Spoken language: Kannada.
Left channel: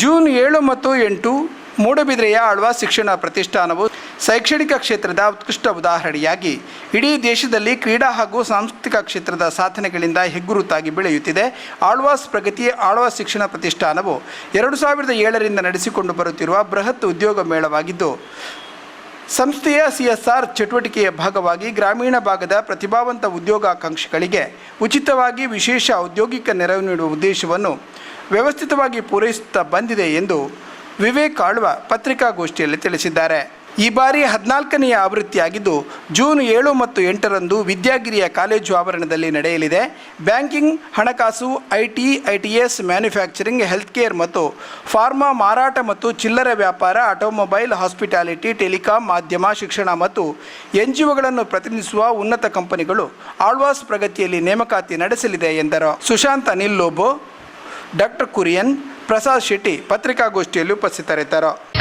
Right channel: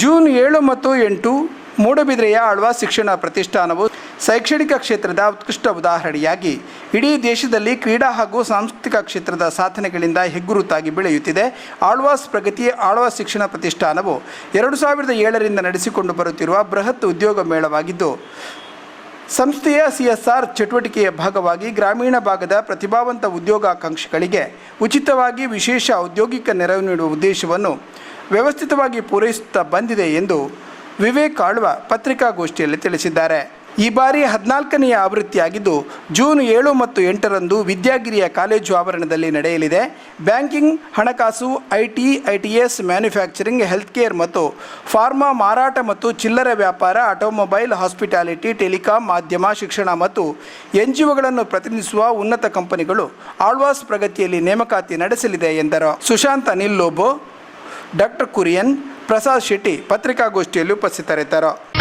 ಜೂನ್ ಏಳು ಮತ್ತು ಎಂಟು ಮೂಡಬಿದ್ರೆಯ ಆಳ್ವಾಸ್ ಶಿಕ್ಷಣ ಪ್ರತಿಷ್ಠಾನವು ಶೈಕ್ಷಣಿಕ ಕ್ಷೇತ್ರದ ಉತ್ಕೃಷ್ಟ ಉದಾಹರಣೆಯಾಗಿ ಇಡೀ ದೇಶದಲ್ಲಿ ಕ್ರೀಡಾ ಹಾಗೂ ಸಾಂಸ್ಕೃತಿಕ ಕ್ಷೇತ್ರದ ಸಾಧನೆಗಳಿಂದ ಹೆಗ್ಗುರುತಾಗಿ ಬೆಳೆಯುತ್ತಿದೆ. ಆಳ್ವಾಸ್ ಪ್ರಗತಿ ಆಳ್ವಾಸ್ ಶಿಕ್ಷಣ ಪ್ರತಿಷ್ಠಾನವು ಎರಡು ಸಾವಿರದ ಏಳರಿಂದ ನಡೆಸಿಕೊಂಡು ಬರುತ್ತಿರುವ ಬೃಹತ್ ಉದ್ಯೋಗ ಮೇಳವಾಗಿದ್ದು, ಸಂಸ್ಥೆಯ ಸಿ ಎಸ್ ಆರ್ ಚಟುವಟಿಕೆಯ ಭಾಗವಾಗಿ ಗ್ರಾಮೀಣ ಭಾಗದ ಪ್ರತಿಭಾವಂತ ಉದ್ಯೋಗಾಕಾಂಕ್ಷಿಗಳಿಗೆ ಉಚಿತವಾಗಿ ವಿಶೇಷ ಔದ್ಯೋಗಿಕ ನೆರವು ನೀಡುವ ಉದ್ದೇಶವನ್ನು ವ್ಯವಸ್ಥಿತವಾಗಿ ಪೂರೈಸುತ್ತಾ ಬಂದಿದೆ ಎಂದು ವಿವೇಕ್ ಆಳ್ವ ಪತ್ರಿಕಾಗೋಷ್ಠಿಯಲ್ಲಿ ತಿಳಿಸಿದ್ದಾರೆ. ಈ ಬಾರಿ ಹದಿನಾಲ್ಕನೆಯ ಆವೃತ್ತಿಯಾಗಿದ್ದು ಜೂನ್ ಏಳು ಮತ್ತು ಎಂಟರಂದು ವಿದ್ಯಾಗಿರಿಯ ಕಾಲೇಜು ಆವರಣದಲ್ಲಿ ನಡೆಯಲಿದೆ. ಬ್ಯಾಂಕಿಂಗ್, ಹಣಕಾಸು IT ITES manufacturing health care ಮತ್ತು ಫಾರ್ಮಾ ಮಾರಾಟ ಮತ್ತು ಚಿಲ್ಲರೆ ವ್ಯಾಪಾರ, ಆಟೋಮೊಬೈಲ್, ಹಾಸ್ಪಿಟಾಲಿಟಿ, ಟೆಲಿಕಾಂ, ಮಾಧ್ಯಮ, ಶಿಕ್ಷಣ ಮತ್ತು ಎನ್ ಜಿ ಒಗಳನ್ನು ಪ್ರತಿನಿಧಿಸುವ ಉನ್ನತ ಕಂಪನಿಗಳು ಆಳ್ವಾಸ್ ಪ್ರಗತಿಯಲ್ಲಿ ನೇಮಕಾತಿ ನಡೆಸಲಿದೆ ಎಂದರು. ಸುಶಾಂತ್ ಅನಿಲ್ ಲೋಬೋ ಡಾಕ್ಟರ್ ಕುರಿಯನ್ ಪ್ರಸಾದ್ ಶೆಟ್ಟಿ ಪತ್ರಿಕಾಗೋಷ್ಠಿಯಲ್ಲಿ ಉಪಸ್ಥಿತರಿದ್ದರು.